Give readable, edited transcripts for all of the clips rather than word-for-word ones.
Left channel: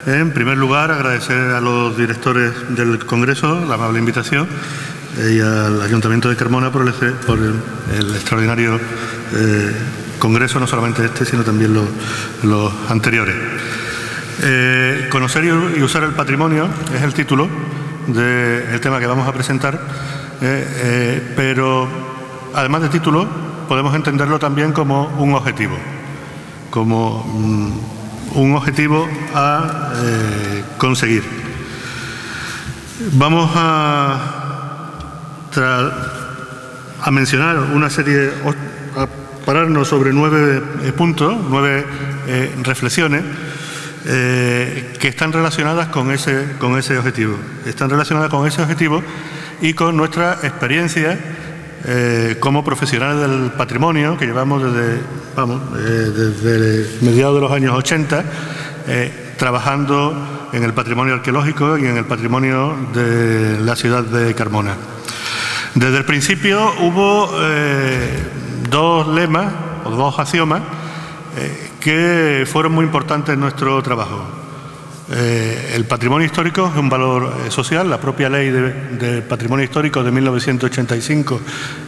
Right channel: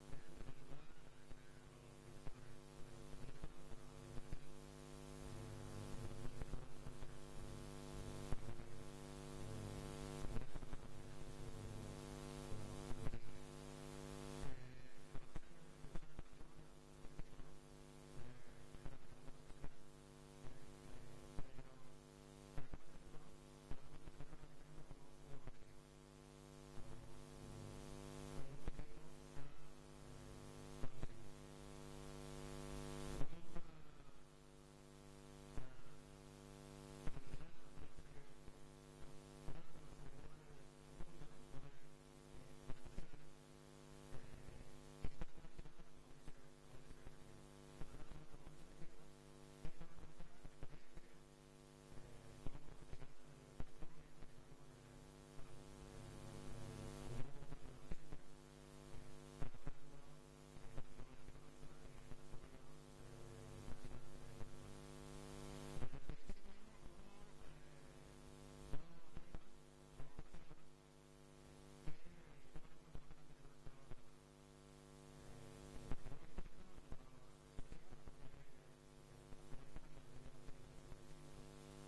En primer lugar, agradecer a los directores del Congreso la amable invitación y al Ayuntamiento de Carmona por el extraordinario Congreso, no solamente este, sino también los anteriores. Conocer y usar el patrimonio es el título del tema que vamos a presentar, pero además de título podemos entenderlo también como un objetivo, a conseguir. Vamos a mencionar una serie, a pararnos sobre 9 puntos, 9 reflexiones que están relacionadas con ese objetivo. Están relacionadas con ese objetivo y con nuestra experiencia como profesionales del patrimonio, que llevamos desde mediados de los años 80 trabajando en el patrimonio arqueológico y en el patrimonio de la ciudad de Carmona. Desde el principio hubo dos lemas o dos axiomas que fueron muy importantes en nuestro trabajo. El patrimonio histórico es un valor social. La propia ley de patrimonio histórico de 1985,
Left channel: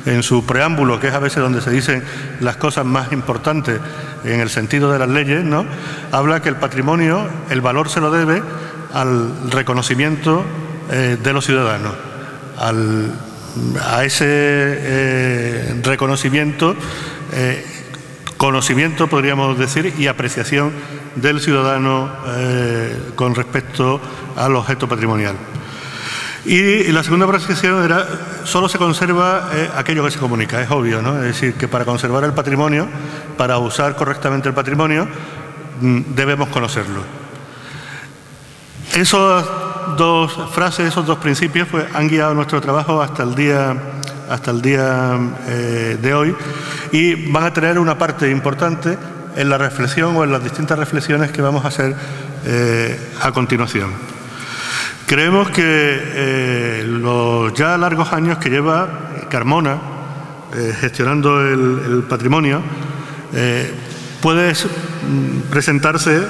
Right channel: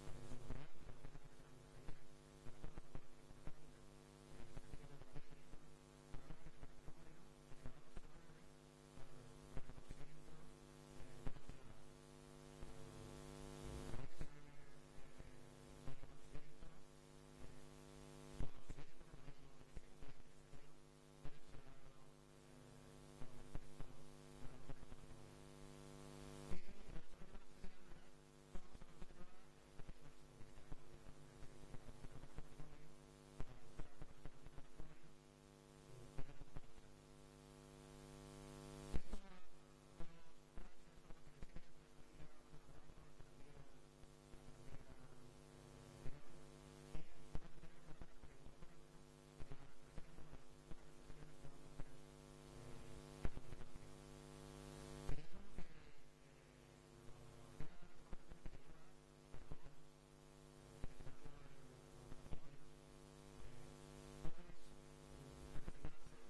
en su preámbulo, que es a veces donde se dicen las cosas más importantes en el sentido de las leyes, ¿no?, habla que el patrimonio, el valor se lo debe al reconocimiento de los ciudadanos, a ese reconocimiento, conocimiento, podríamos decir, y apreciación del ciudadano con respecto al objeto patrimonial. Y la segunda apreciación era: solo se conserva aquello que se comunica. Es obvio, ¿no? Es decir, que para conservar el patrimonio, para usar correctamente el patrimonio, debemos conocerlo. Esas dos frases, esos dos principios, pues, han guiado nuestro trabajo hasta el día de hoy, y van a tener una parte importante en la reflexión o en las distintas reflexiones que vamos a hacer a continuación. Creemos que los ya largos años que lleva Carmona gestionando el patrimonio puede presentarse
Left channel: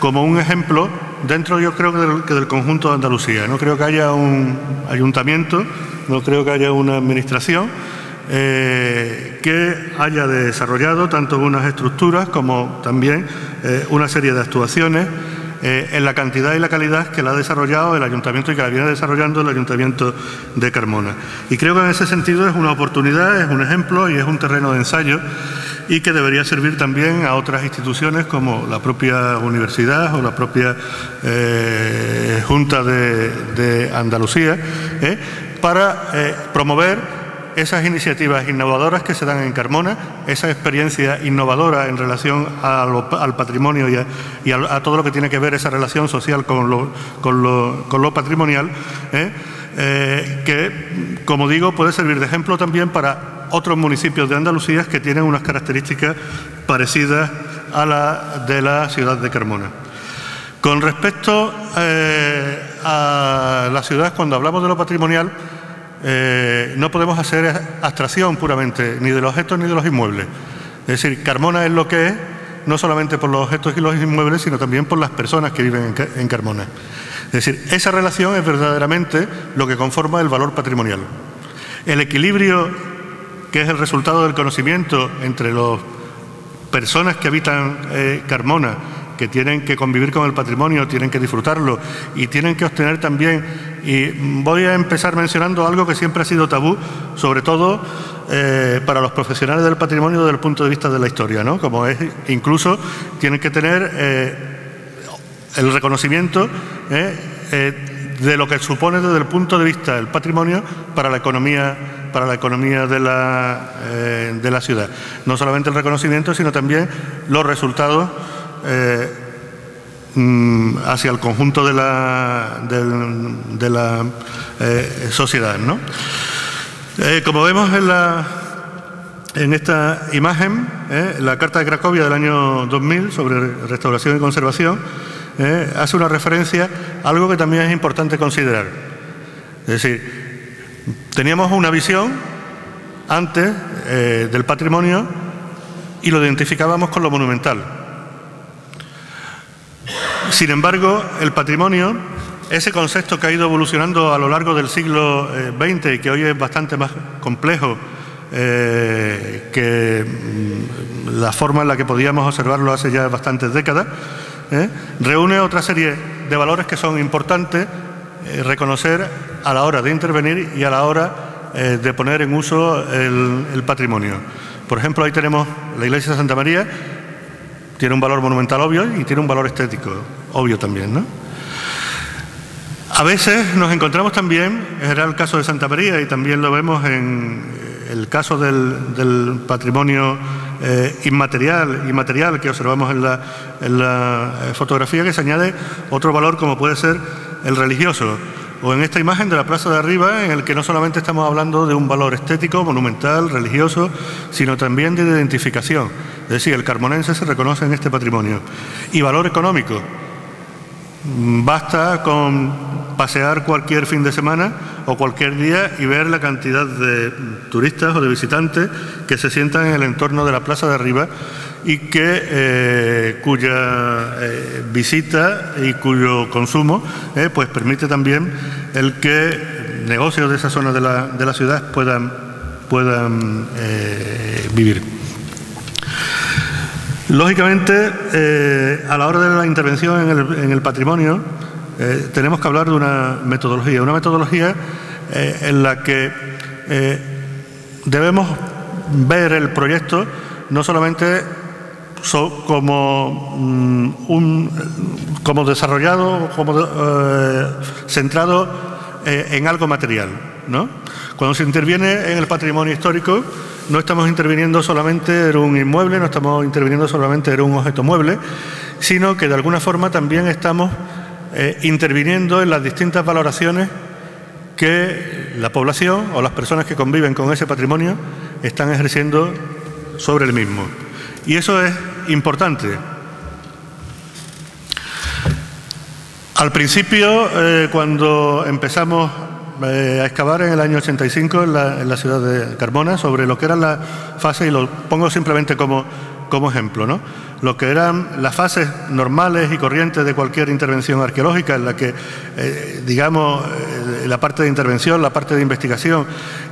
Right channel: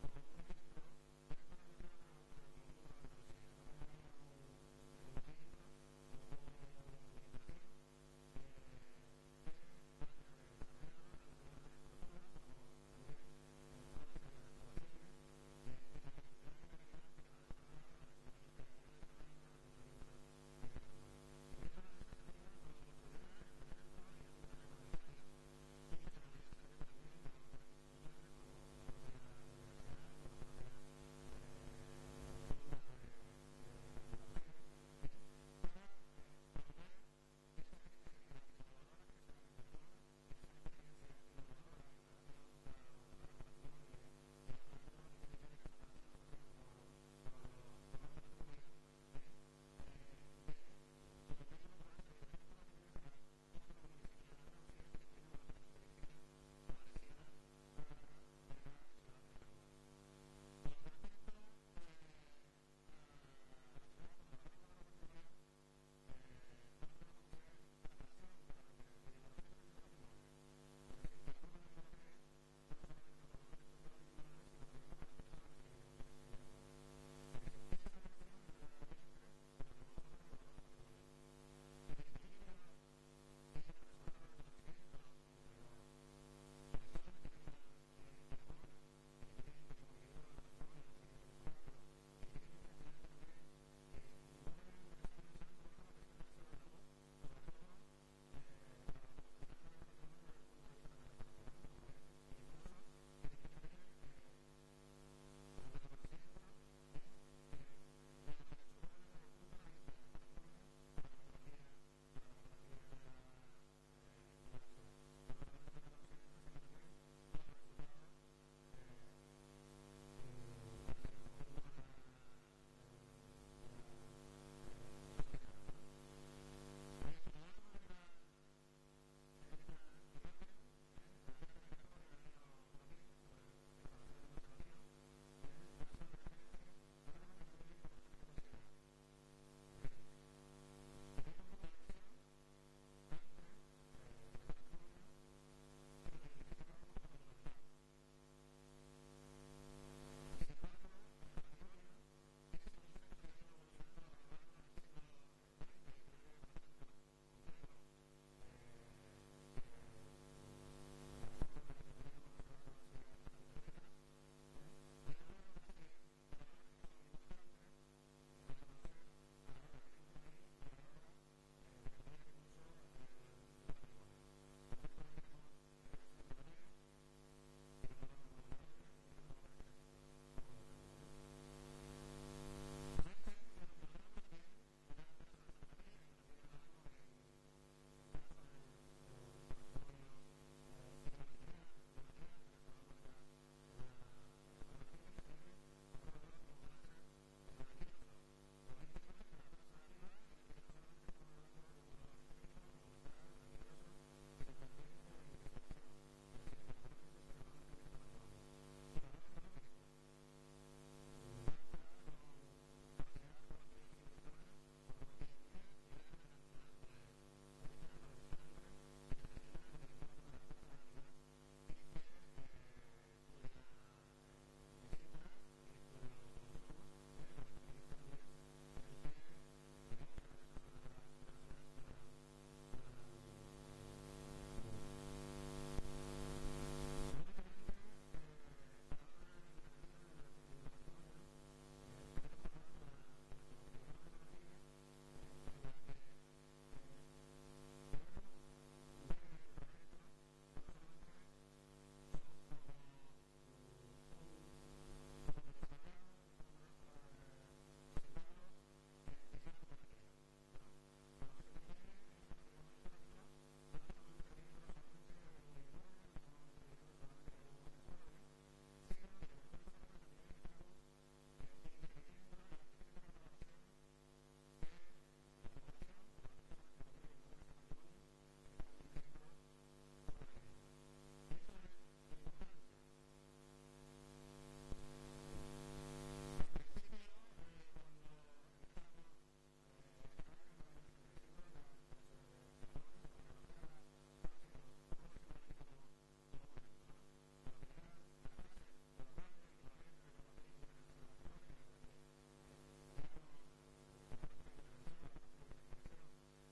como un ejemplo dentro, yo creo, que del conjunto de Andalucía. No creo que haya un ayuntamiento, no creo que haya una administración que haya desarrollado tanto unas estructuras como también una serie de actuaciones en la cantidad y la calidad que la ha desarrollado el Ayuntamiento y que la viene desarrollando el Ayuntamiento de Carmona. Y creo que en ese sentido es una oportunidad, es un ejemplo y es un terreno de ensayo, y que debería servir también a otras instituciones como la propia universidad o la propia Junta de Andalucía, para promover esas iniciativas innovadoras que se dan en Carmona, esa experiencia innovadora en relación al patrimonio y a todo lo que tiene que ver esa relación social con lo patrimonial, que, como digo, puede servir de ejemplo también para otros municipios de Andalucía que tienen unas características parecidas a la de la ciudad de Carmona. Con respecto a la ciudad, cuando hablamos de lo patrimonial, no podemos hacer abstracción puramente ni de los objetos ni de los inmuebles. Es decir, Carmona es lo que es, no solamente por los objetos y los inmuebles, sino también por las personas que viven en Carmona. Es decir, esa relación es verdaderamente lo que conforma el valor patrimonial. El equilibrio, que es el resultado del conocimiento entre las personas que habitan Carmona, que tienen que convivir con el patrimonio, tienen que disfrutarlo y tienen que obtener también, y voy a empezar mencionando algo que siempre ha sido tabú, sobre todo para los profesionales del patrimonio desde el punto de vista de la historia, ¿no? Como es, incluso tienen que tener el reconocimiento de lo que supone desde el punto de vista del patrimonio para la economía de la ciudad. No solamente el reconocimiento, sino también los resultados hacia el conjunto de la sociedad, ¿no? Como vemos en esta imagen, la Carta de Cracovia del año 2000 sobre restauración y conservación hace una referencia a algo que también es importante considerar. Es decir, teníamos una visión antes del patrimonio y lo identificábamos con lo monumental. Sin embargo, el patrimonio, ese concepto que ha ido evolucionando a lo largo del siglo XX y que hoy es bastante más complejo que la forma en la que podíamos observarlo hace ya bastantes décadas, reúne otra serie de valores que son importantes reconocer a la hora de intervenir y a la hora de poner en uso el patrimonio. Por ejemplo, ahí tenemos la iglesia de Santa María, tiene un valor monumental obvio y tiene un valor estético obvio también, ¿no? A veces nos encontramos también, era el caso de Santa María y también lo vemos en el caso del patrimonio inmaterial y material que observamos en la fotografía, que se añade otro valor como puede ser el religioso. O en esta imagen de la plaza de arriba, en el que no solamente estamos hablando de un valor estético, monumental, religioso, sino también de identificación. Es decir, el carmonense se reconoce en este patrimonio. Y valor económico. Basta con pasear cualquier fin de semana o cualquier día y ver la cantidad de turistas o de visitantes que se sientan en el entorno de la plaza de arriba y que cuya visita y cuyo consumo pues permite también el que negocios de esa zona de la ciudad puedan vivir. Lógicamente, a la hora de la intervención en el patrimonio, tenemos que hablar de una metodología en la que debemos ver el proyecto no solamente como desarrollado, como centrado en algo material, ¿no? Cuando se interviene en el patrimonio histórico, no estamos interviniendo solamente en un inmueble, no estamos interviniendo solamente en un objeto mueble, sino que de alguna forma también estamos interviniendo en las distintas valoraciones que la población o las personas que conviven con ese patrimonio están ejerciendo sobre el mismo. Y eso es importante. Al principio, cuando empezamos a excavar en el año 85 en la ciudad de Carmona sobre lo que eran las fases, y lo pongo simplemente como ejemplo, ¿no? Lo que eran las fases normales y corrientes de cualquier intervención arqueológica, en la que, digamos, la parte de intervención, la parte de investigación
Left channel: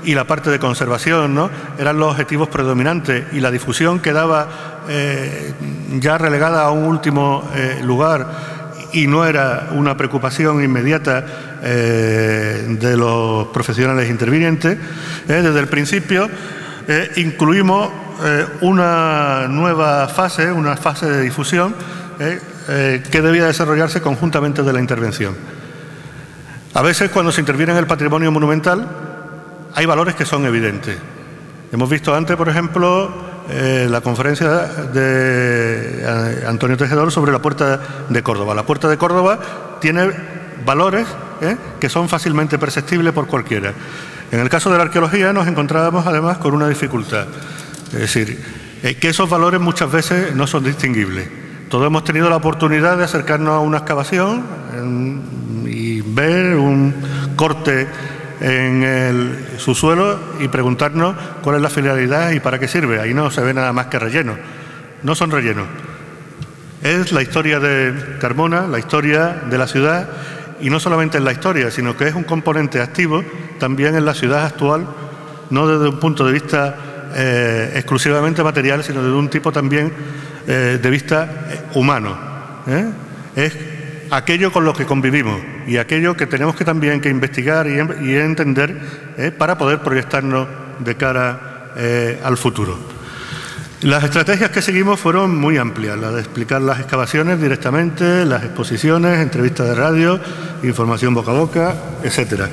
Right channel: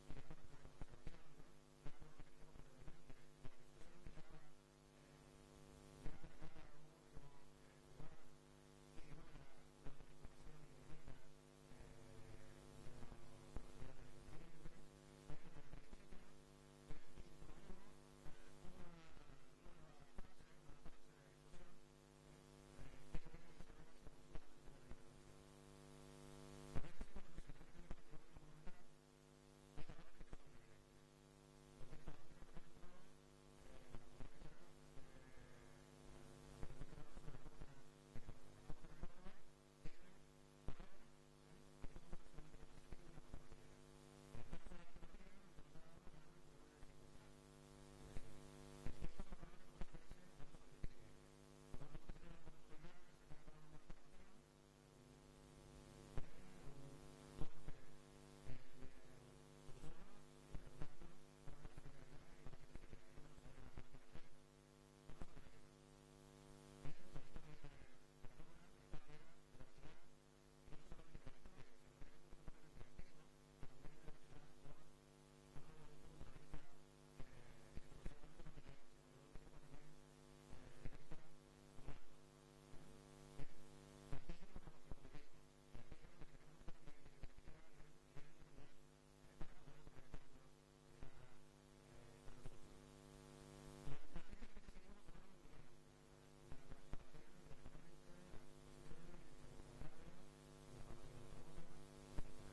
y la parte de conservación, ¿no?, eran los objetivos predominantes, y la difusión quedaba ya relegada a un último lugar y no era una preocupación inmediata de los profesionales intervinientes. Desde el principio incluimos una nueva fase, una fase de difusión que debía desarrollarse conjuntamente de la intervención. A veces, cuando se interviene en el patrimonio monumental, hay valores que son evidentes. Hemos visto antes, por ejemplo, la conferencia de Antonio Tejedor sobre la Puerta de Córdoba. La Puerta de Córdoba tiene valores que son fácilmente perceptibles por cualquiera. En el caso de la arqueología nos encontrábamos además con una dificultad. Es decir, que esos valores muchas veces no son distinguibles. Todos hemos tenido la oportunidad de acercarnos a una excavación y ver un corte en el subsuelo y preguntarnos cuál es la finalidad y para qué sirve. Ahí no se ve nada más que relleno. No son rellenos. Es la historia de Carmona, la historia de la ciudad, y no solamente en la historia, sino que es un componente activo también en la ciudad actual, no desde un punto de vista exclusivamente material, sino desde un tipo también de vista humano. Es aquello con lo que convivimos y aquello que tenemos que también que investigar y entender para poder proyectarnos de cara al futuro. Las estrategias que seguimos fueron muy amplias, la de explicar las excavaciones directamente, las exposiciones, entrevistas de radio, información boca a boca, etcétera.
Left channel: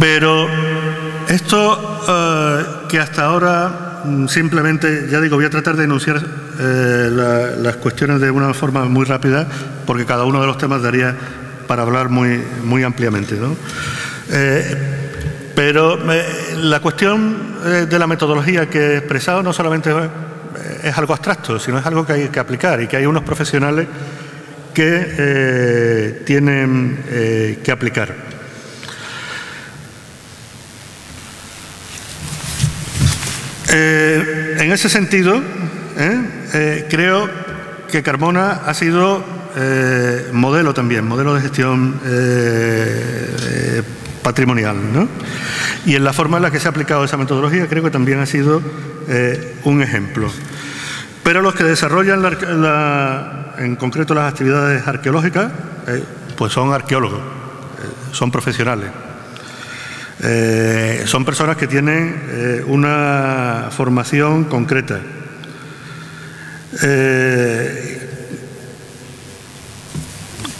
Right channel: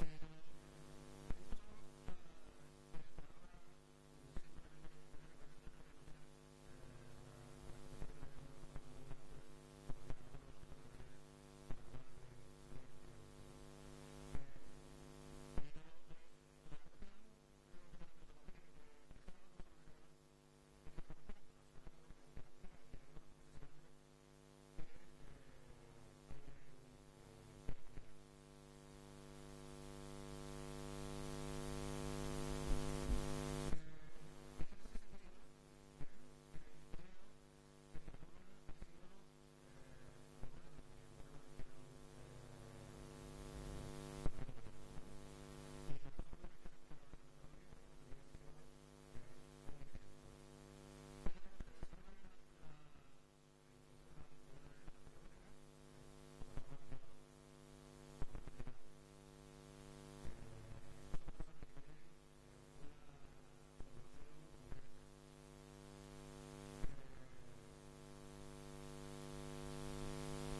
Pero esto que hasta ahora simplemente, ya digo, voy a tratar de enunciar las cuestiones de una forma muy rápida, porque cada uno de los temas daría para hablar muy ampliamente, ¿no? Pero la cuestión de la metodología que he expresado no solamente es algo abstracto, sino es algo que hay que aplicar, y que hay unos profesionales que tienen que aplicar. En ese sentido, creo que Carmona ha sido modelo también, modelo de gestión patrimonial, ¿no? Y en la forma en la que se ha aplicado esa metodología creo que también ha sido un ejemplo. Pero los que desarrollan en concreto las actividades arqueológicas, pues son arqueólogos, son profesionales. Son personas que tienen una formación concreta.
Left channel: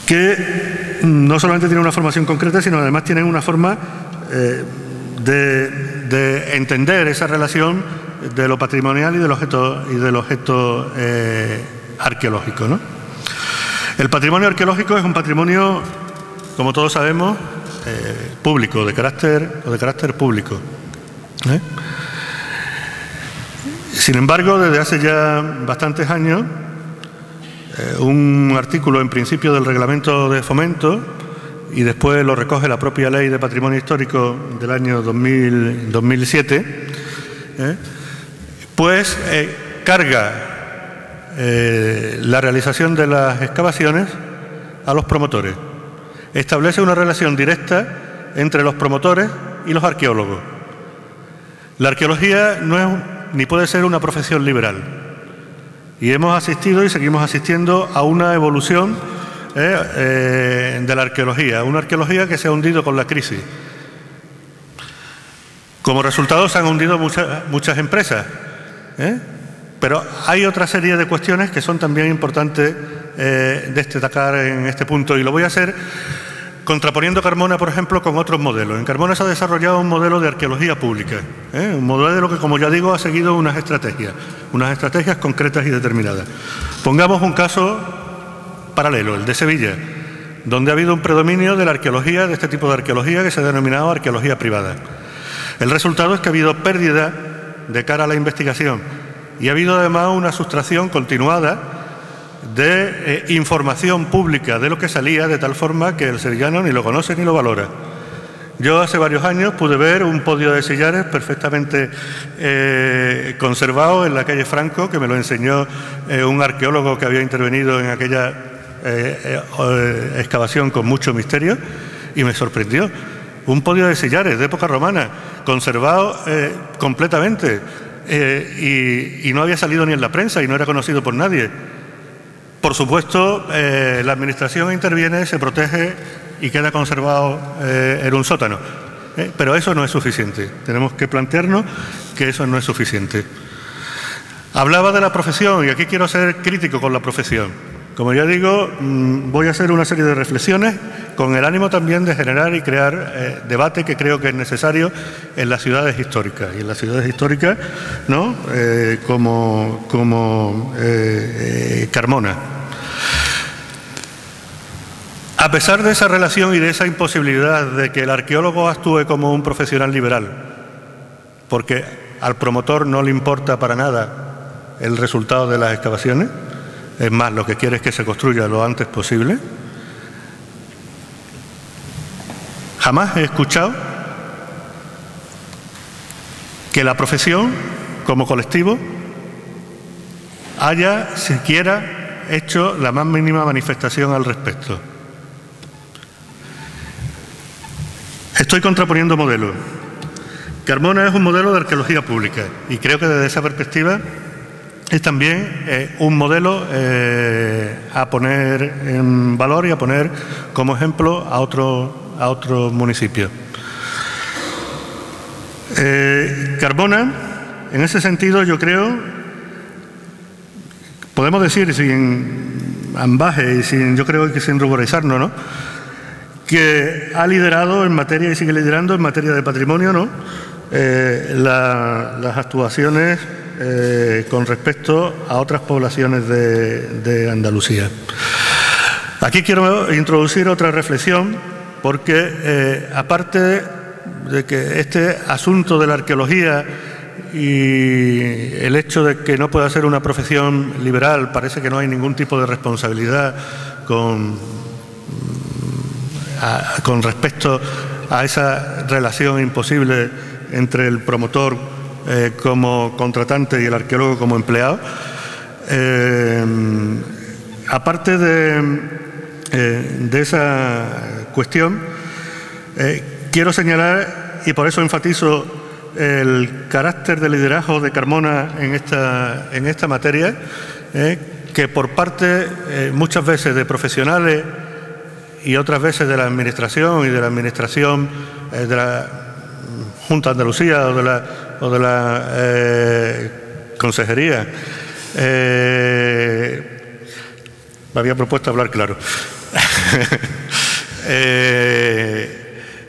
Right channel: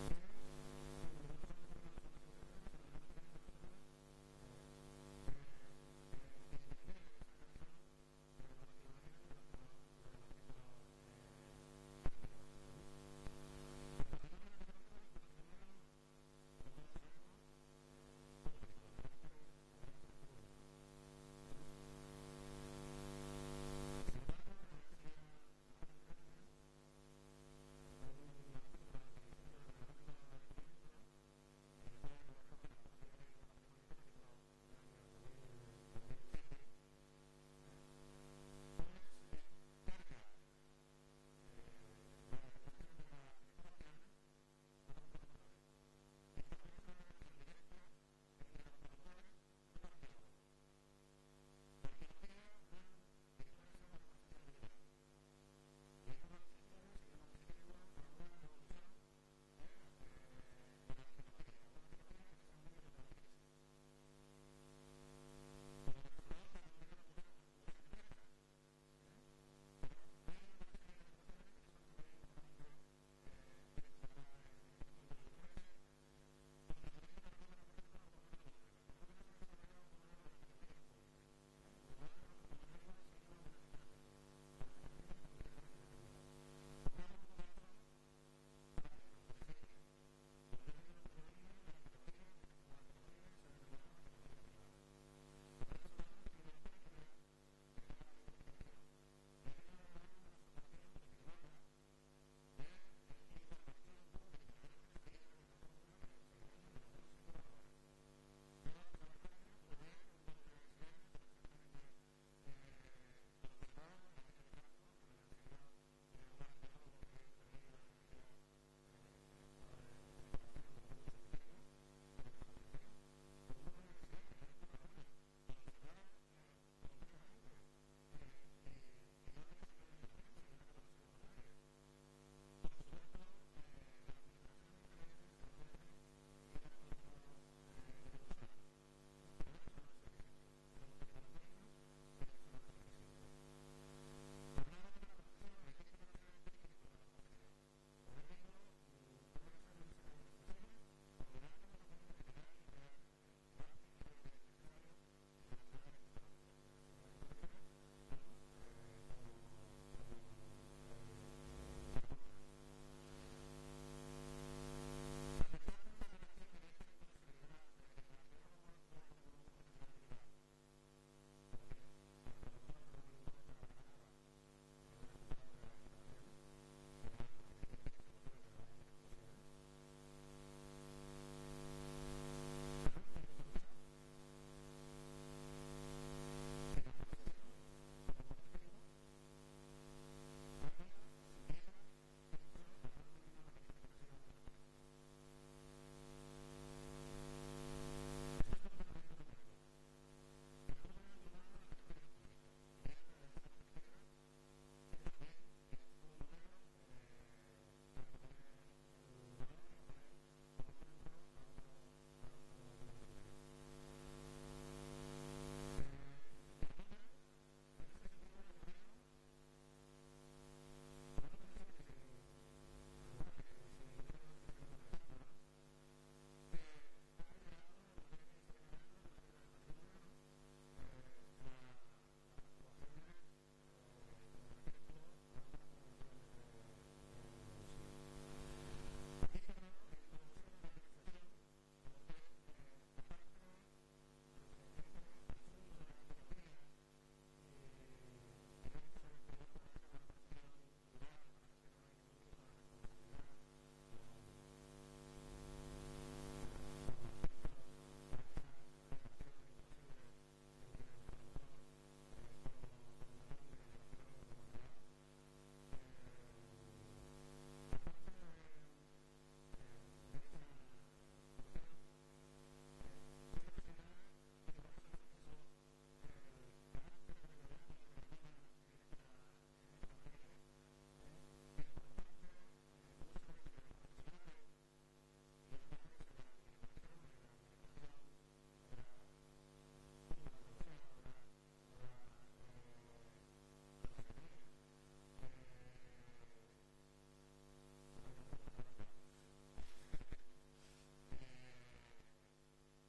Que no solamente tienen una formación concreta, sino además tienen una forma de entender esa relación de lo patrimonial y del objeto arqueológico, ¿no? El patrimonio arqueológico es un patrimonio, como todos sabemos, público, de carácter público. Sin embargo, desde hace ya bastantes años, un artículo en principio del Reglamento de Fomento, y después lo recoge la propia Ley de Patrimonio Histórico del año 2007, pues carga la realización de las excavaciones a los promotores. Establece una relación directa entre los promotores y los arqueólogos. La arqueología no es ni puede ser una profesión liberal. Y hemos asistido y seguimos asistiendo a una evolución de la arqueología, una arqueología que se ha hundido con la crisis. Como resultado se han hundido muchas empresas, pero hay otra serie de cuestiones que son también importantes destacar en este punto, y lo voy a hacer contraponiendo Carmona, por ejemplo, con otros modelos. En Carmona se ha desarrollado un modelo de arqueología pública, un modelo que, como ya digo, ha seguido unas estrategias concretas y determinadas. Pongamos un caso paralelo, el de Sevilla, donde ha habido un predominio de la arqueología, de este tipo de arqueología que se ha denominado arqueología privada. El resultado es que ha habido pérdida de cara a la investigación y ha habido además una sustracción continuada de información pública de lo que salía, de tal forma que el sevillano ni lo conoce ni lo valora. Yo hace varios años pude ver un podio de sillares perfectamente conservado en la calle Franco, que me lo enseñó un arqueólogo que había intervenido en aquella excavación con mucho misterio, y me sorprendió. Un podio de sillares de época romana, conservado completamente, y no había salido ni en la prensa y no era conocido por nadie. Por supuesto, la Administración interviene, se protege y queda conservado en un sótano. Pero eso no es suficiente. Tenemos que plantearnos que eso no es suficiente. Hablaba de la profesión, y aquí quiero ser crítico con la profesión. Como ya digo, voy a hacer una serie de reflexiones con el ánimo también de generar y crear debate que creo que es necesario en las ciudades históricas. Y en las ciudades históricas, ¿no? como Carmona. A pesar de esa relación y de esa imposibilidad de que el arqueólogo actúe como un profesional liberal, porque al promotor no le importa para nada el resultado de las excavaciones, es más, lo que quiere es que se construya lo antes posible, jamás he escuchado que la profesión, como colectivo, haya siquiera hecho la más mínima manifestación al respecto. Estoy contraponiendo modelos. Carmona es un modelo de arqueología pública y creo que desde esa perspectiva es también un modelo a poner en valor y a poner como ejemplo a otros municipios. Carmona, en ese sentido, yo creo, podemos decir sin ambaje y yo creo que sin ruborizarnos, ¿no?, que ha liderado en materia y sigue liderando en materia de patrimonio, ¿no?, las actuaciones con respecto a otras poblaciones de Andalucía. Aquí quiero introducir otra reflexión, porque aparte de que este asunto de la arqueología y el hecho de que no pueda ser una profesión liberal, parece que no hay ningún tipo de responsabilidad con respecto a esa relación imposible entre el promotor como contratante y el arqueólogo como empleado. Aparte de esa cuestión, quiero señalar, y por eso enfatizo el carácter de liderazgo de Carmona en esta materia, que por parte muchas veces de profesionales y otras veces de la Administración y de la Administración de la Junta de Andalucía o de la Consejería, me había propuesto hablar claro.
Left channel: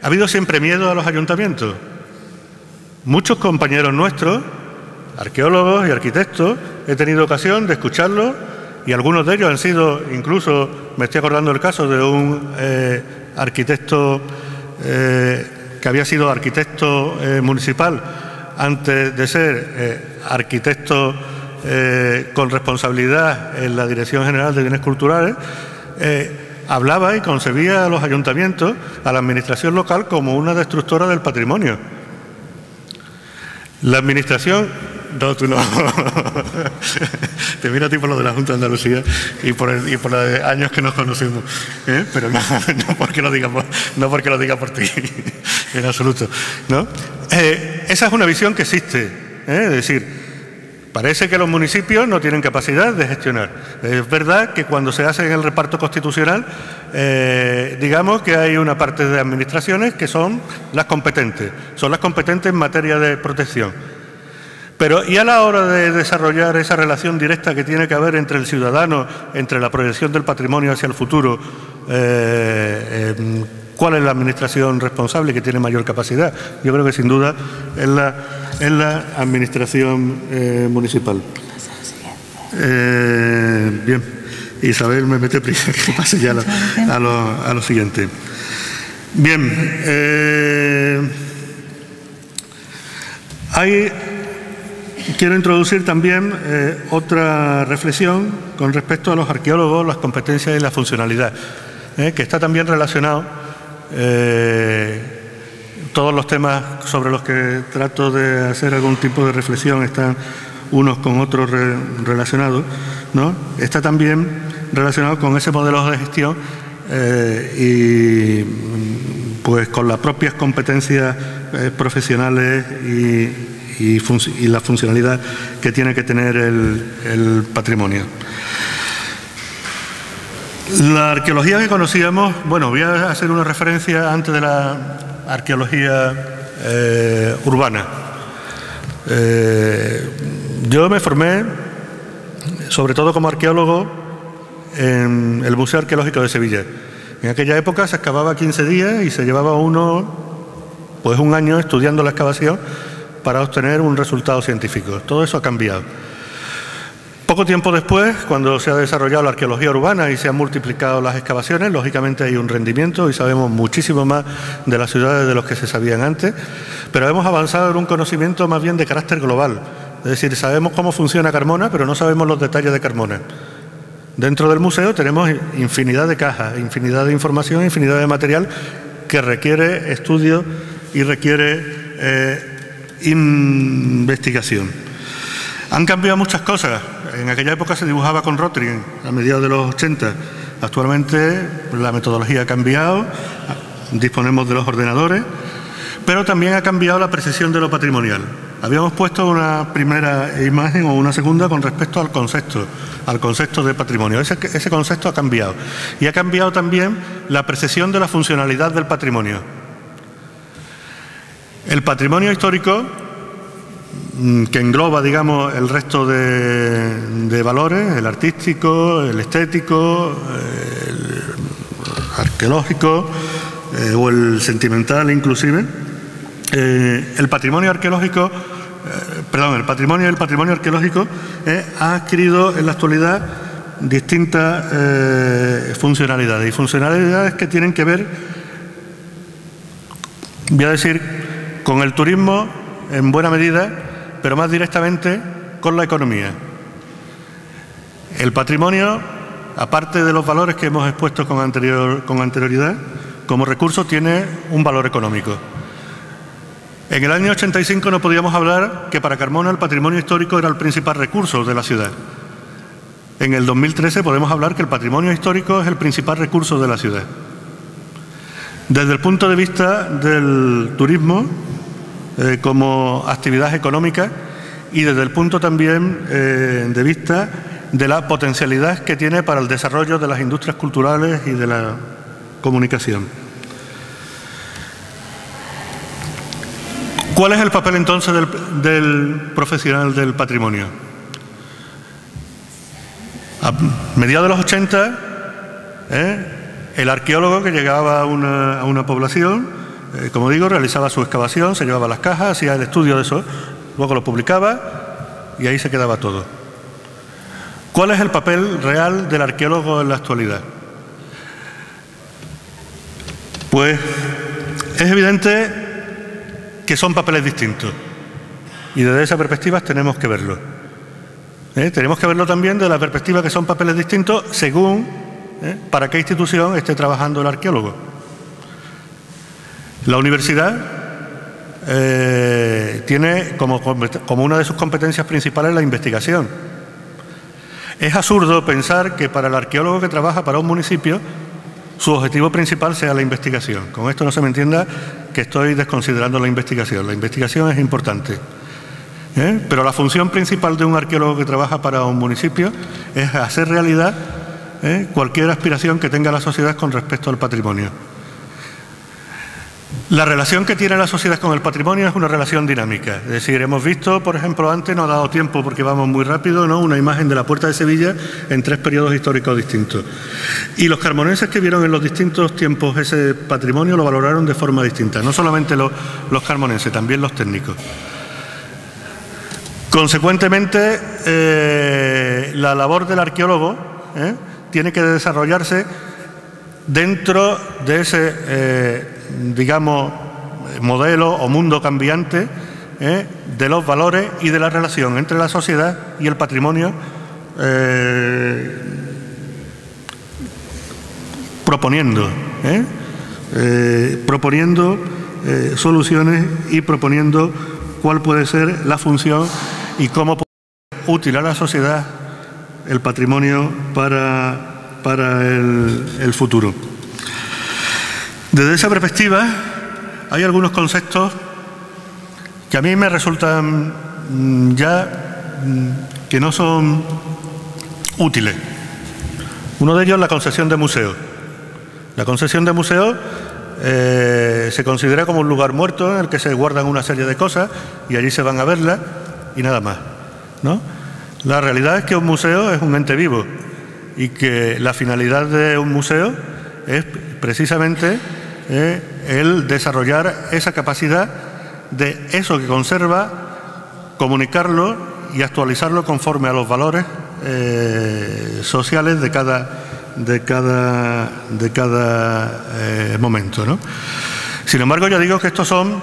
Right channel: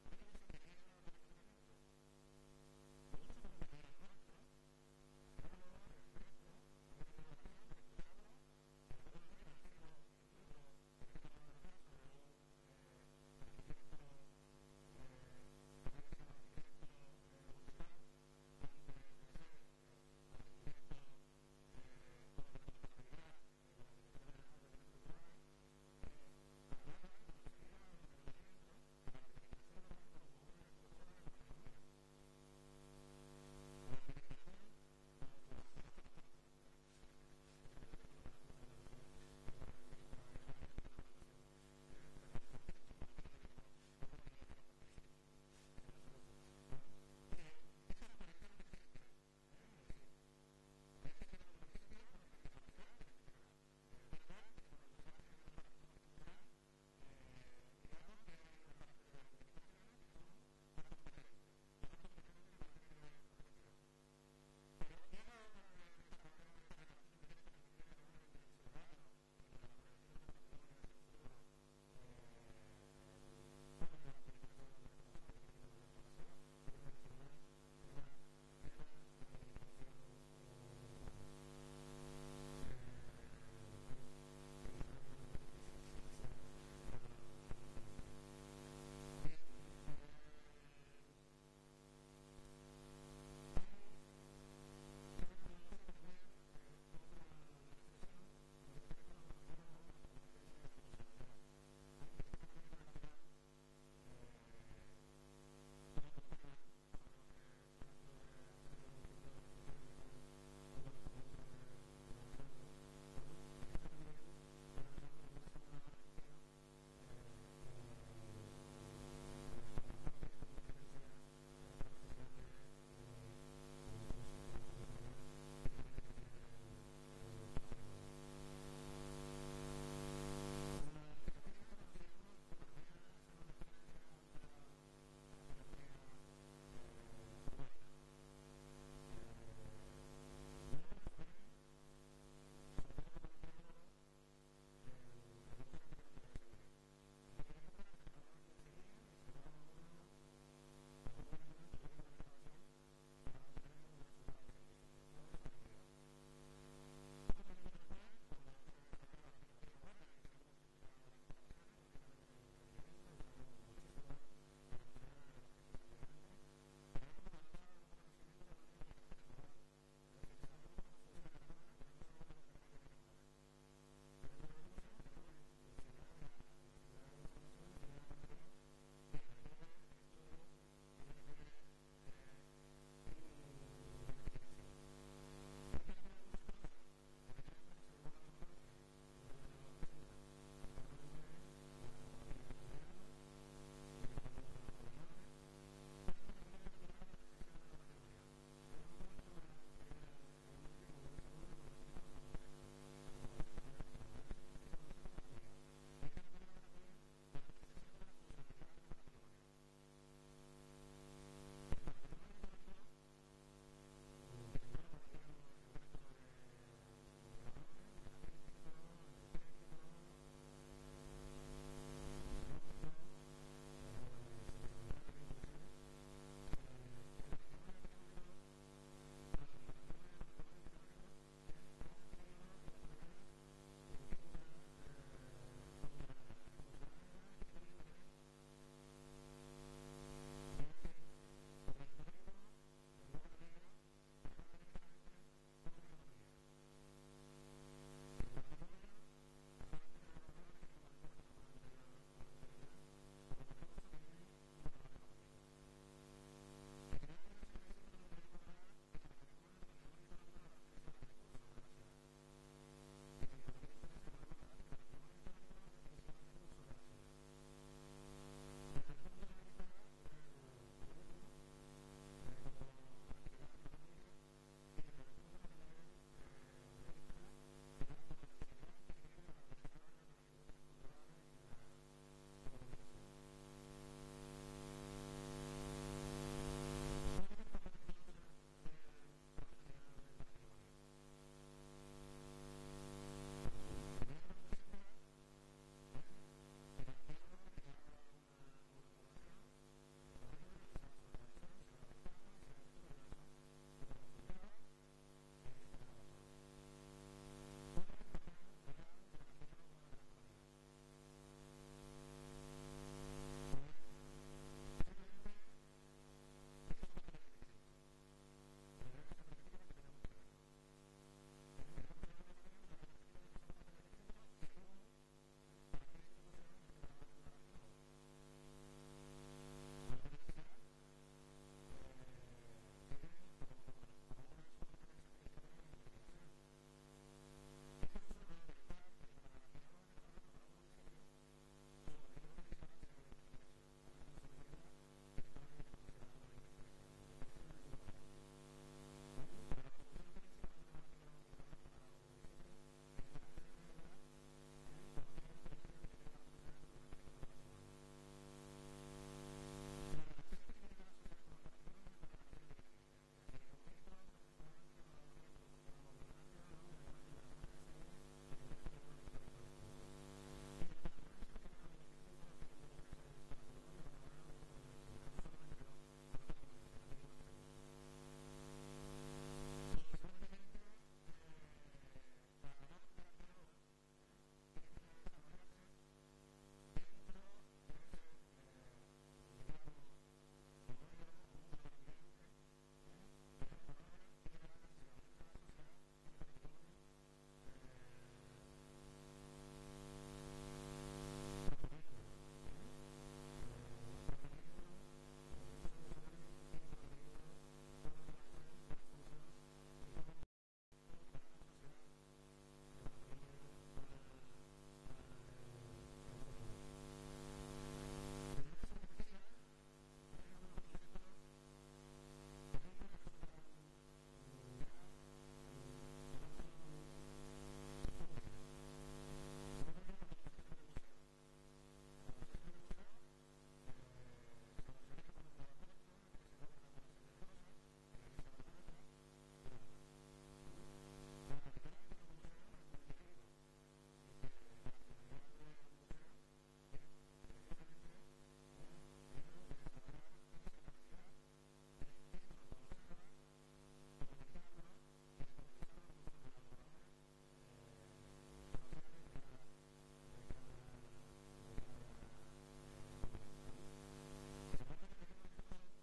Ha habido siempre miedo a los ayuntamientos. Muchos compañeros nuestros, arqueólogos y arquitectos, he tenido ocasión de escucharlos y algunos de ellos han sido, incluso me estoy acordando del caso de un arquitecto que había sido arquitecto municipal antes de ser arquitecto con responsabilidad en la Dirección General de Bienes Culturales, hablaba y concebía a los ayuntamientos, a la administración local, como una destructora del patrimonio. La administración... No, tú no. Te miro a ti por lo de la Junta de Andalucía y por los años que nos conocemos. Pero no porque lo diga por ti, en absoluto, ¿no? Esa es una visión que existe, es decir, parece que los municipios no tienen capacidad de gestionar. Es verdad que cuando se hace en el reparto constitucional, digamos que hay una parte de administraciones que son las competentes en materia de protección. Pero ¿y a la hora de desarrollar esa relación directa que tiene que haber entre el ciudadano, entre la proyección del patrimonio hacia el futuro? ¿Cuál es la administración responsable que tiene mayor capacidad? Yo creo que sin duda es la administración municipal. Bien, Isabel me mete prisa, que pase ya a lo siguiente. Bien, quiero introducir también otra reflexión con respecto a los arqueólogos, las competencias y la funcionalidad, que está también relacionado. Todos los temas sobre los que trato de hacer algún tipo de reflexión están unos con otros relacionados, ¿no? Está también relacionado con ese modelo de gestión y pues con las propias competencias profesionales y la funcionalidad que tiene que tener el patrimonio. La arqueología que conocíamos, bueno, voy a hacer una referencia antes de la arqueología urbana. Yo me formé, sobre todo como arqueólogo, en el Museo Arqueológico de Sevilla. En aquella época se excavaba 15 días y se llevaba uno, pues un año estudiando la excavación para obtener un resultado científico. Todo eso ha cambiado. Poco tiempo después, cuando se ha desarrollado la arqueología urbana y se han multiplicado las excavaciones, lógicamente hay un rendimiento y sabemos muchísimo más de las ciudades de los que se sabían antes, pero hemos avanzado en un conocimiento más bien de carácter global. Es decir, sabemos cómo funciona Carmona, pero no sabemos los detalles de Carmona. Dentro del museo tenemos infinidad de cajas, infinidad de información, infinidad de material que requiere estudio y requiere investigación. Han cambiado muchas cosas. En aquella época se dibujaba con Rotring a mediados de los 80. Actualmente la metodología ha cambiado, disponemos de los ordenadores, pero también ha cambiado la precisión de lo patrimonial. Habíamos puesto una primera imagen o una segunda con respecto al concepto de patrimonio. Ese concepto ha cambiado. Y ha cambiado también la percepción de la funcionalidad del patrimonio. El patrimonio histórico, que engloba, digamos, el resto de valores, el artístico, el estético, el arqueológico o el sentimental inclusive, el patrimonio arqueológico, el patrimonio arqueológico ha adquirido en la actualidad distintas funcionalidades, y funcionalidades que tienen que ver, voy a decir, con el turismo en buena medida, pero más directamente con la economía. El patrimonio, aparte de los valores que hemos expuesto con anterioridad, como recurso tiene un valor económico. En el año 85 no podíamos hablar que para Carmona el patrimonio histórico era el principal recurso de la ciudad. en el 2013 podemos hablar que el patrimonio histórico es el principal recurso de la ciudad. Desde el punto de vista del turismo como actividad económica y desde el punto también de vista de la potencialidad que tiene para el desarrollo de las industrias culturales y de la comunicación. ¿Cuál es el papel entonces del profesional del patrimonio? A mediados de los 80, el arqueólogo que llegaba a una población, como digo, realizaba su excavación, se llevaba las cajas, hacía el estudio de eso, luego lo publicaba y ahí se quedaba todo. ¿Cuál es el papel real del arqueólogo en la actualidad? Pues es evidente que son papeles distintos y desde esa perspectiva tenemos que verlo. Tenemos que verlo también desde la perspectiva que son papeles distintos según para qué institución esté trabajando el arqueólogo. La universidad tiene como una de sus competencias principales la investigación. Es absurdo pensar que para el arqueólogo que trabaja para un municipio su objetivo principal sea la investigación. Con esto no se me entienda que estoy desconsiderando la investigación. La investigación es importante. Pero la función principal de un arqueólogo que trabaja para un municipio es hacer realidad cualquier aspiración que tenga la sociedad con respecto al patrimonio. La relación que tiene la sociedad con el patrimonio es una relación dinámica. Es decir, hemos visto, por ejemplo, antes, no ha dado tiempo porque vamos muy rápido, ¿no?, una imagen de la Puerta de Sevilla en 3 periodos históricos distintos. Y los carmonenses que vieron en los distintos tiempos ese patrimonio lo valoraron de forma distinta. No solamente los carmonenses, también los técnicos. Consecuentemente, la labor del arqueólogo tiene que desarrollarse dentro de ese, digamos, modelo o mundo cambiante de los valores y de la relación entre la sociedad y el patrimonio, proponiendo soluciones y proponiendo cuál puede ser la función y cómo puede ser útil a la sociedad el patrimonio para el futuro. Desde esa perspectiva hay algunos conceptos que a mí me resultan ya que no son útiles. Uno de ellos es la concesión de museos. La concesión de museos se considera como un lugar muerto en el que se guardan una serie de cosas y allí se van a verlas y nada más, ¿no? La realidad es que un museo es un ente vivo y que la finalidad de un museo es precisamente el desarrollar esa capacidad de eso que conserva, comunicarlo y actualizarlo conforme a los valores sociales de cada momento, ¿no? Sin embargo, yo digo que estos son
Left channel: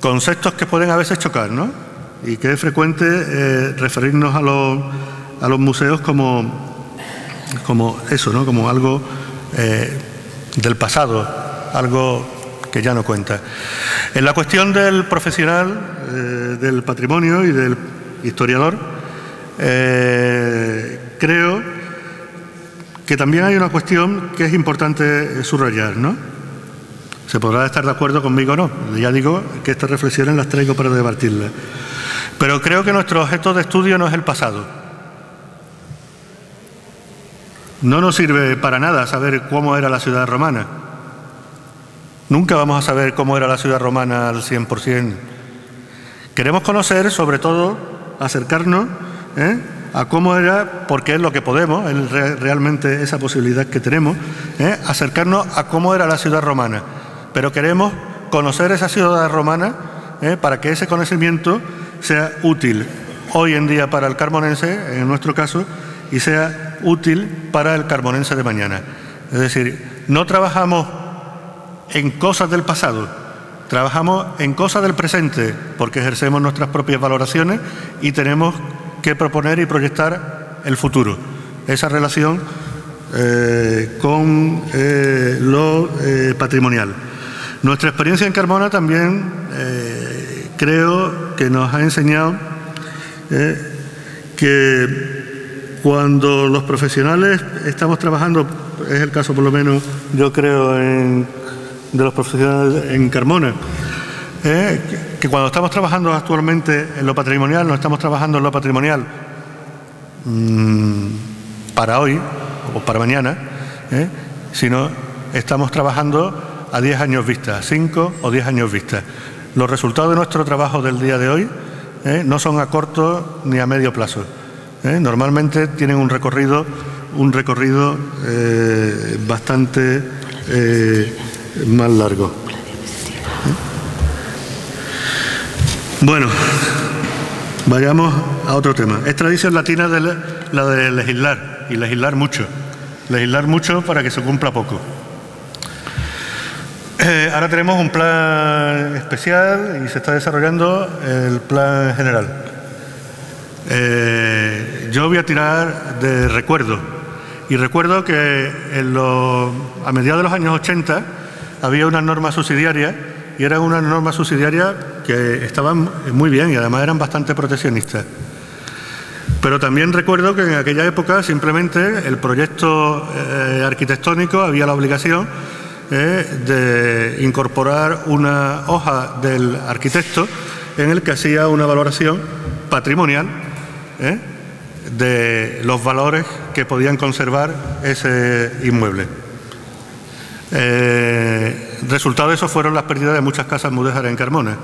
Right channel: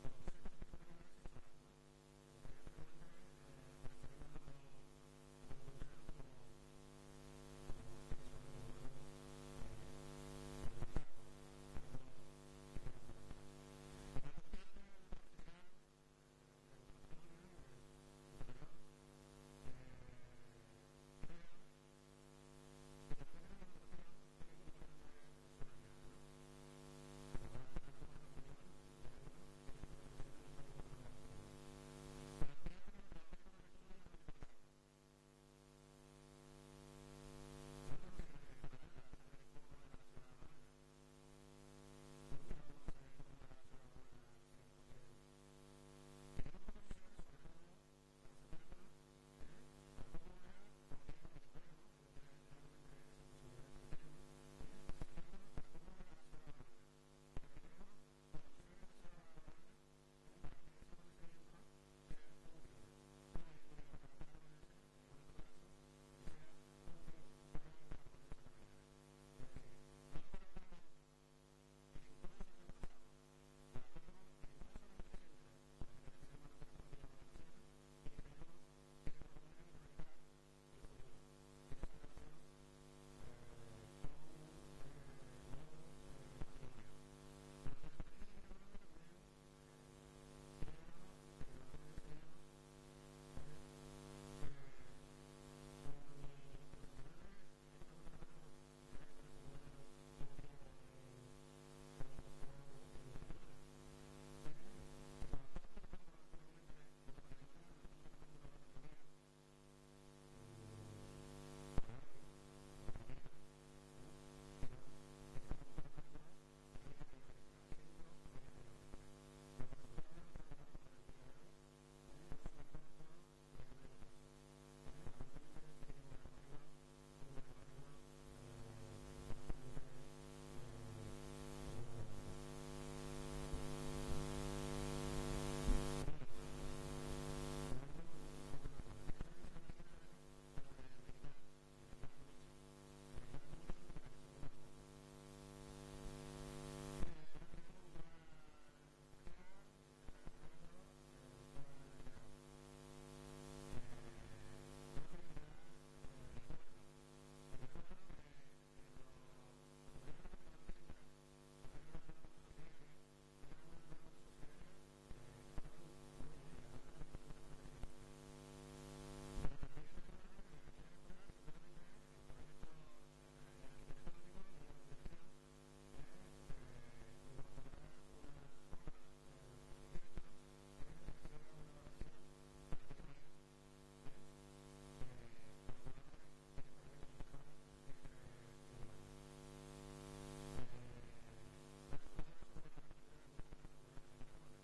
conceptos que pueden a veces chocar, ¿no? Y que es frecuente referirnos a los museos como eso, ¿no?, como algo del pasado, algo que ya no cuenta. En la cuestión del profesional del patrimonio y del historiador, creo que también hay una cuestión que es importante subrayar, ¿no? Se podrá estar de acuerdo conmigo o no. Ya digo que estas reflexiones las traigo para debatirlas. Pero creo que nuestro objeto de estudio no es el pasado. No nos sirve para nada saber cómo era la ciudad romana. Nunca vamos a saber cómo era la ciudad romana al 100%. Queremos conocer, sobre todo, acercarnos a cómo era, porque es lo que podemos, es realmente esa posibilidad que tenemos, acercarnos a cómo era la ciudad romana. Pero queremos conocer esa ciudad romana para que ese conocimiento sea útil hoy en día para el carmonense, en nuestro caso, y sea útil para el carmonense de mañana. Es decir, no trabajamos en cosas del pasado, trabajamos en cosas del presente, porque ejercemos nuestras propias valoraciones y tenemos que proponer y proyectar el futuro. Esa relación con lo patrimonial. Nuestra experiencia en Carmona también creo que nos ha enseñado que Cuando los profesionales estamos trabajando, es el caso por lo menos yo creo de los profesionales en Carmona, que cuando estamos trabajando actualmente en lo patrimonial, no estamos trabajando en lo patrimonial para hoy o para mañana, sino estamos trabajando a 10 años vista, 5 o 10 años vista. Los resultados de nuestro trabajo del día de hoy no son a corto ni a medio plazo. Normalmente tienen un recorrido bastante más largo. Bueno, vayamos a otro tema. Es tradición latina la de legislar, y legislar mucho. Legislar mucho para que se cumpla poco. Ahora tenemos un plan especial y se está desarrollando el plan general. Yo voy a tirar de recuerdo. Y recuerdo que a mediados de los años 80 había unas normas subsidiarias, y eran unas normas subsidiarias que estaban muy bien y además eran bastante proteccionistas. Pero también recuerdo que en aquella época simplemente el proyecto arquitectónico había la obligación de incorporar una hoja del arquitecto en el que hacía una valoración patrimonial de los valores que podían conservar ese inmueble. Resultado de eso fueron las pérdidas de muchas casas mudéjares en Carmona.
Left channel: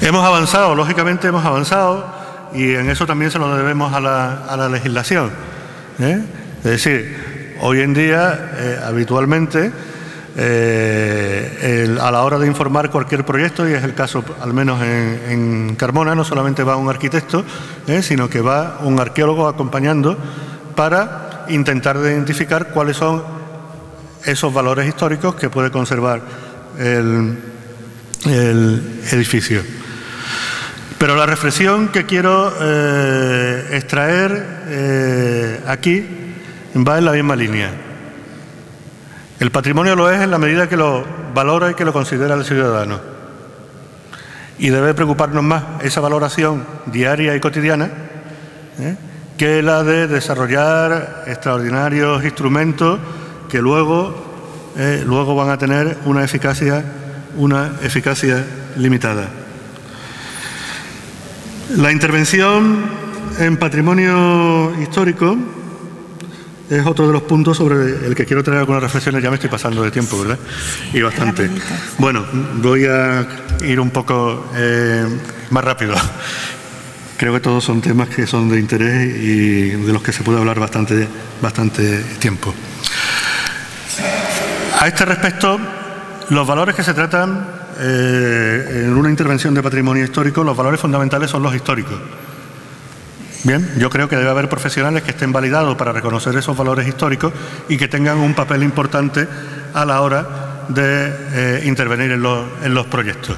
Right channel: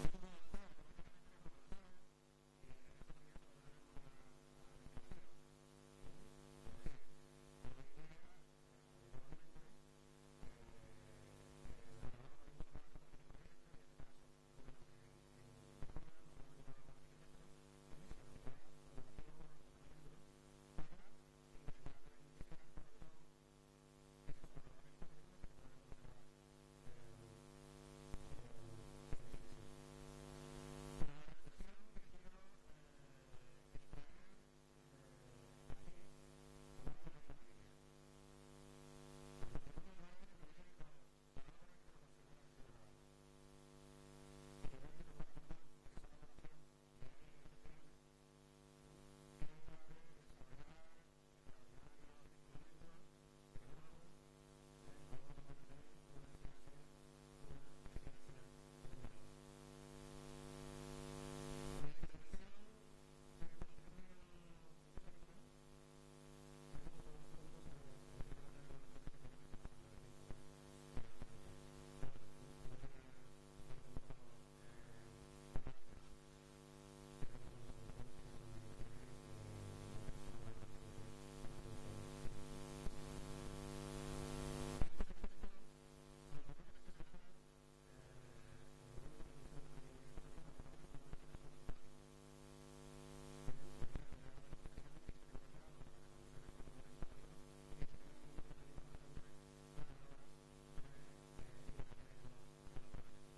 Hemos avanzado, lógicamente hemos avanzado, y en eso también se lo debemos a la legislación. Es decir, hoy en día, habitualmente, a la hora de informar cualquier proyecto, y es el caso al menos en Carmona, no solamente va un arquitecto, sino que va un arqueólogo acompañando para intentar identificar cuáles son esos valores históricos que puede conservar el edificio. Pero la reflexión que quiero extraer aquí va en la misma línea. El patrimonio lo es en la medida que lo valora y que lo considera el ciudadano. Y debe preocuparnos más esa valoración diaria y cotidiana que la de desarrollar extraordinarios instrumentos que luego van a tener una eficacia limitada. La intervención en patrimonio histórico es otro de los puntos sobre el que quiero traer algunas reflexiones. Ya me estoy pasando de tiempo, ¿verdad? Y bastante. Bueno, voy a ir un poco más rápido. Creo que todos son temas que son de interés y de los que se puede hablar bastante tiempo. A este respecto, los valores que se tratan en una intervención de patrimonio histórico, los valores fundamentales son los históricos. Bien, yo creo que debe haber profesionales que estén validados para reconocer esos valores históricos y que tengan un papel importante a la hora de intervenir en los proyectos.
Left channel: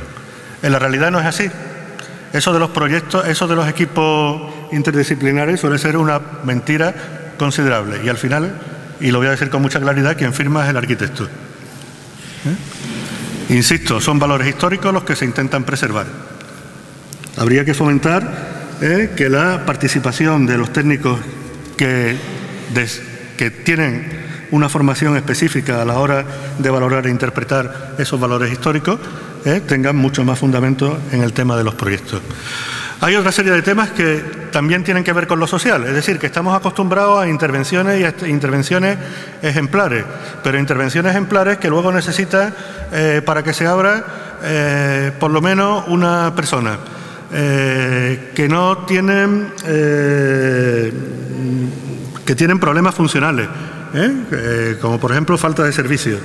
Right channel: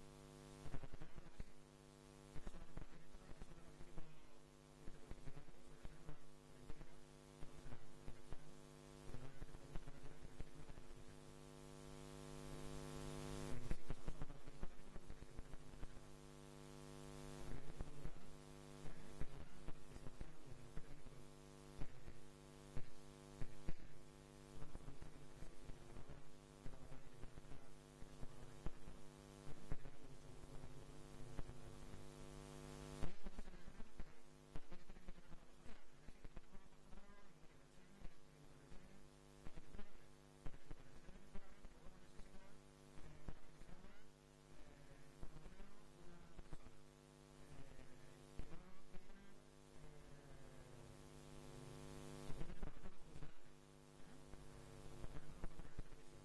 En la realidad no es así. Eso de los proyectos, eso de los equipos interdisciplinares suele ser una mentira considerable. Y al final, y lo voy a decir con mucha claridad, quien firma es el arquitecto. Insisto, son valores históricos los que se intentan preservar. Habría que fomentar que la participación de los técnicos que tienen una formación específica a la hora de valorar e interpretar esos valores históricos tengan mucho más fundamento en el tema de los proyectos. Hay otra serie de temas que también tienen que ver con lo social, es decir, que estamos acostumbrados a intervenciones y a intervenciones ejemplares, pero intervenciones ejemplares que luego necesitan, para que se abra, por lo menos una persona, que no tienen, que tienen problemas funcionales, como por ejemplo falta de servicios,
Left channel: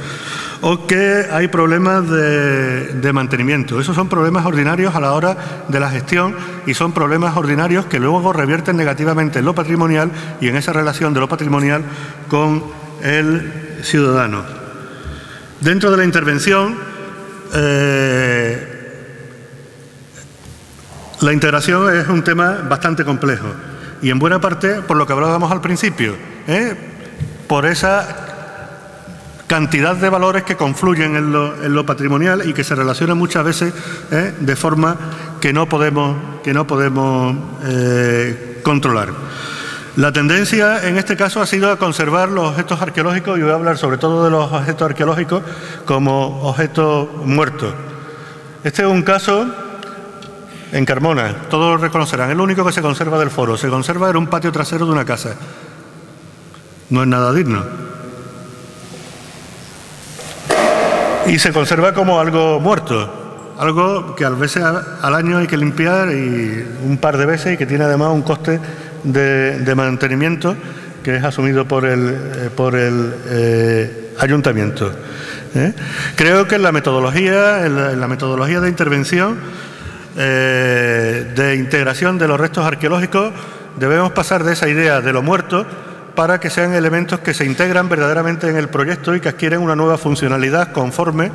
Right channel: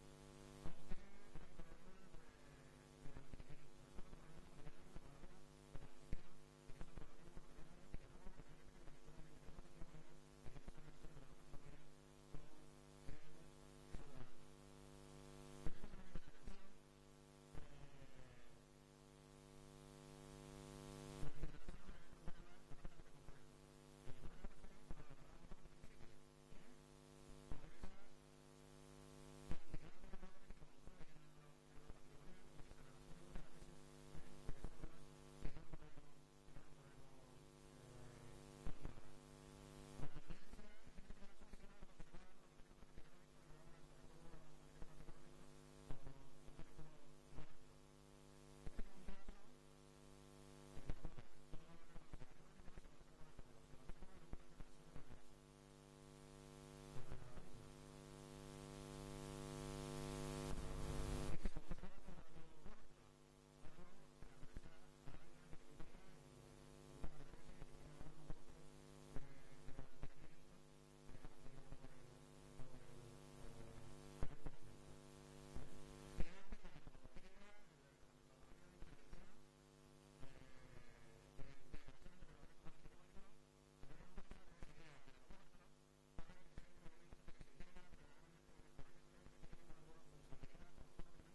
o que hay problemas de mantenimiento. Esos son problemas ordinarios a la hora de la gestión y son problemas ordinarios que luego revierten negativamente en lo patrimonial y en esa relación de lo patrimonial con el ciudadano. Dentro de la intervención, la integración es un tema bastante complejo y en buena parte por lo que hablábamos al principio, por esa cantidad de valores que confluyen en lo patrimonial y que se relacionan muchas veces de forma que no podemos controlar. La tendencia en este caso ha sido a conservar los objetos arqueológicos, y voy a hablar sobre todo de los objetos arqueológicos, como objetos muertos. Este es un caso en Carmona, todos lo reconocerán, es lo único que se conserva del foro. Se conserva en un patio trasero de una casa. No es nada digno. Y se conserva como algo muerto, algo que a veces al año hay que limpiar y un par de veces, y que tiene además un coste de mantenimiento que es asumido por el ayuntamiento. Creo que en la metodología de intervención, de integración de los restos arqueológicos, debemos pasar de esa idea de lo muerto para que sean elementos que se integran verdaderamente en el proyecto y que adquieren una nueva funcionalidad conforme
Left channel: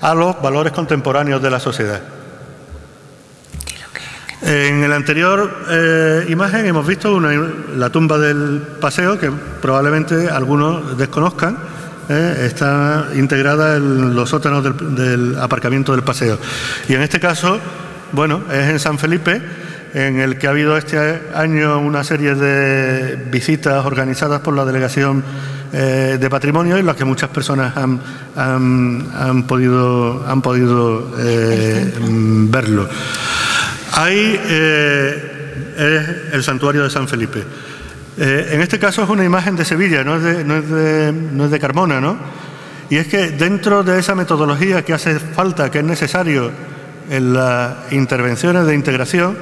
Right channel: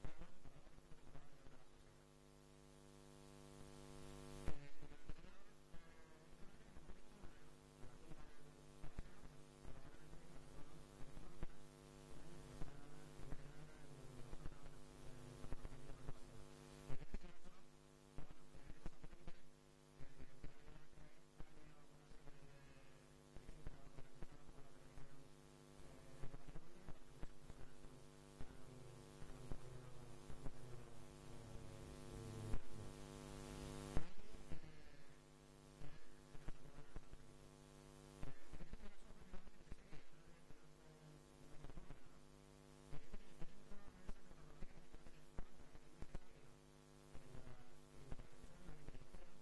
a los valores contemporáneos de la sociedad. En la anterior imagen hemos visto la tumba del Paseo, que probablemente algunos desconozcan. Está integrada en los sótanos del aparcamiento del Paseo. Y en este caso, bueno, es en San Felipe, en el que ha habido este año una serie de visitas organizadas por la Delegación de Patrimonio, en las que muchas personas han podido verlo. Ahí es el santuario de San Felipe. En este caso es una imagen de Sevilla, no es de Carmona, ¿no? Y es que dentro de esa metodología que hace falta, que es necesario en las intervenciones de integración,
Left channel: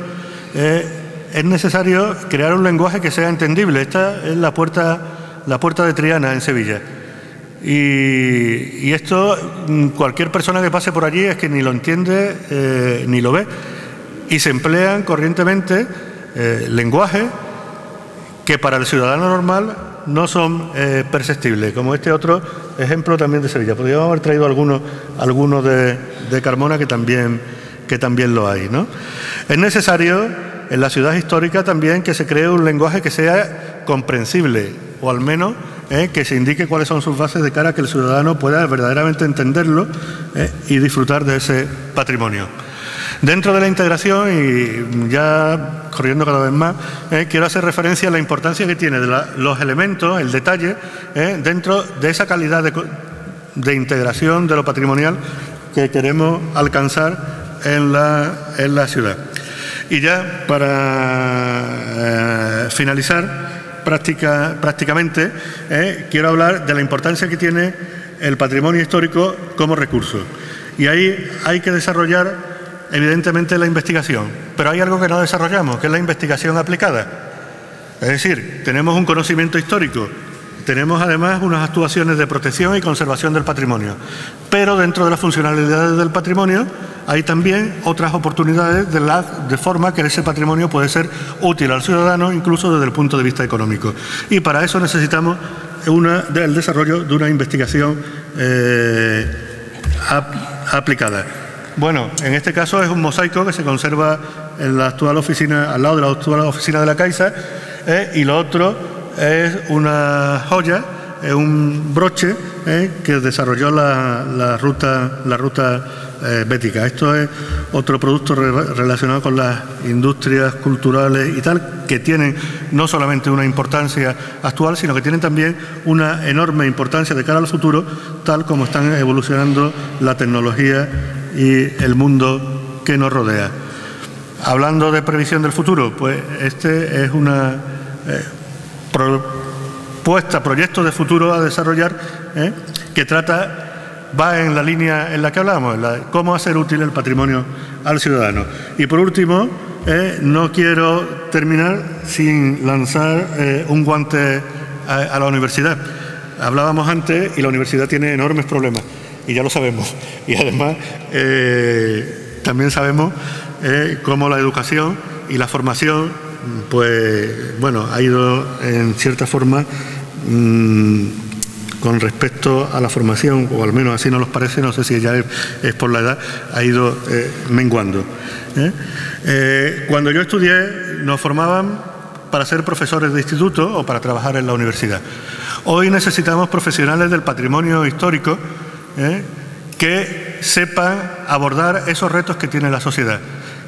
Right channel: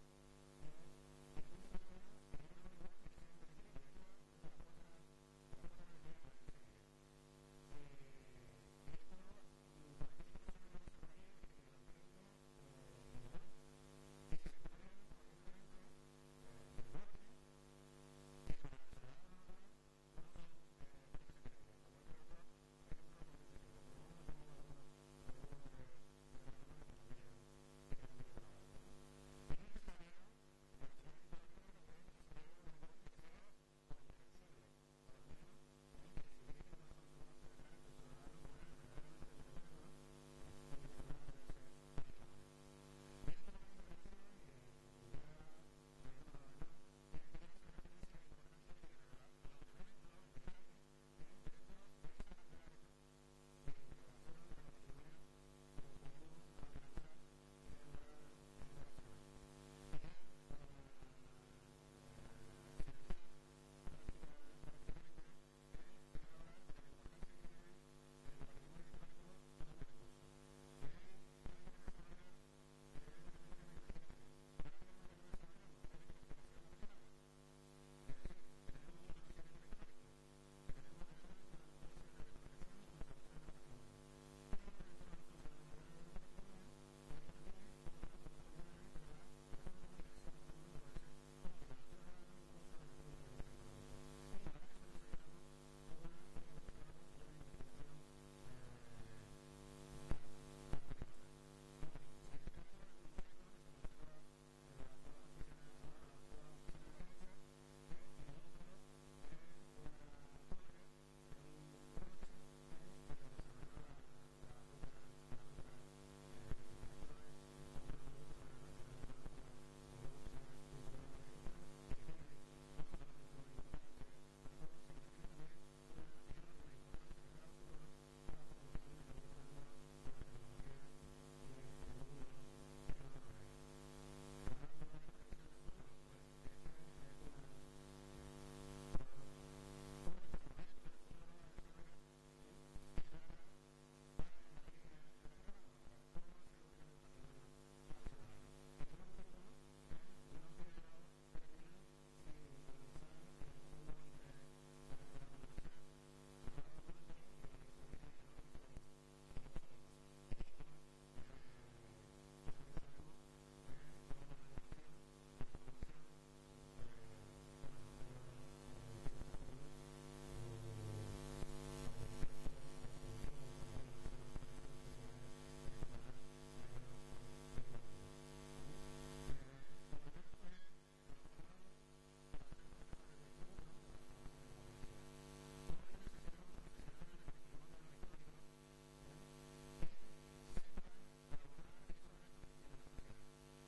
es necesario crear un lenguaje que sea entendible. Esta es la puerta de Triana en Sevilla. Y esto, cualquier persona que pase por allí es que ni lo entiende ni lo ve. Y se emplean corrientemente lenguajes que para el ciudadano normal no son perceptibles, como este otro ejemplo también de Sevilla. Podríamos haber traído alguno de Carmona que también lo hay, ¿no? Es necesario en la ciudad histórica también que se cree un lenguaje que sea comprensible, o al menos que se indique cuáles son sus bases de cara a que el ciudadano pueda verdaderamente entenderlo y disfrutar de ese patrimonio. Dentro de la integración, y ya corriendo cada vez más, quiero hacer referencia a la importancia que tiene de los elementos, el detalle, dentro de esa calidad de integración de lo patrimonial que queremos alcanzar en la ciudad. Y ya para finalizar prácticamente, quiero hablar de la importancia que tiene el patrimonio histórico como recurso. Y ahí hay que desarrollar evidentemente la investigación, pero hay algo que no desarrollamos, que es la investigación aplicada. Es decir, tenemos un conocimiento histórico, tenemos además unas actuaciones de protección y conservación del patrimonio, pero dentro de las funcionalidades del patrimonio hay también otras oportunidades de forma que ese patrimonio puede ser útil al ciudadano, incluso desde el punto de vista económico. Y para eso necesitamos el desarrollo de una investigación aplicada. Bueno, en este caso es un mosaico que se conserva en la actual oficina, al lado de la actual oficina de la Caixa, y lo otro es una joya, es un broche que desarrolló la ruta bética. Esto es otro producto relacionado con las industrias culturales y tal, que tienen no solamente una importancia actual, sino que tienen también una enorme importancia de cara al futuro, tal como están evolucionando la tecnología y el mundo que nos rodea. Hablando de previsión del futuro, pues este es una proyecto de futuro a desarrollar que va en la línea en la que hablábamos, cómo hacer útil el patrimonio al ciudadano. Y por último, no quiero terminar sin lanzar un guante a la universidad. Hablábamos antes y la universidad tiene enormes problemas, y ya lo sabemos. Y además también sabemos cómo la educación y la formación, pues bueno, ha ido en cierta forma con respecto a la formación, o al menos así nos los parece, no sé si ya es por la edad, ha ido menguando. Cuando yo estudié nos formaban para ser profesores de instituto o para trabajar en la universidad. Hoy necesitamos profesionales del patrimonio histórico que sepan abordar esos retos que tiene la sociedad.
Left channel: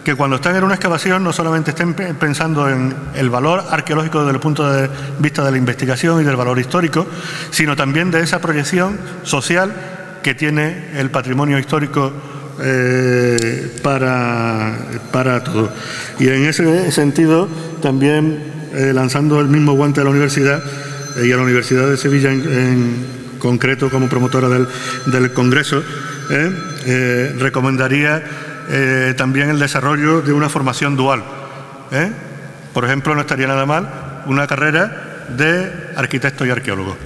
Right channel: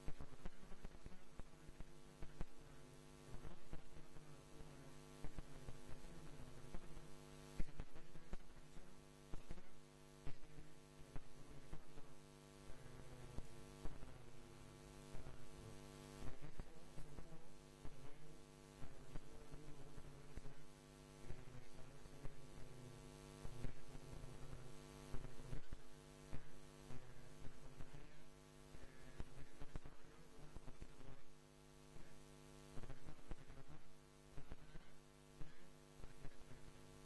Que cuando están en una excavación no solamente estén pensando en el valor arqueológico desde el punto de vista de la investigación y del valor histórico, sino también de esa proyección social que tiene el patrimonio histórico para todo. Y en ese sentido, también lanzando el mismo guante a la universidad y a la Universidad de Sevilla en concreto como promotora del Congreso, recomendaría también el desarrollo de una formación dual. Por ejemplo, no estaría nada mal una carrera de arquitecto y arqueólogo.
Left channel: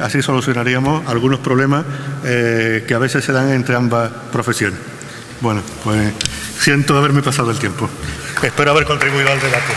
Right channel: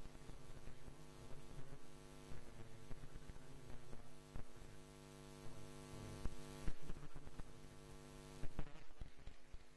Así solucionaríamos algunos problemas que a veces se dan entre ambas profesiones. Bueno, pues siento haberme pasado el tiempo. Espero haber contribuido al debate.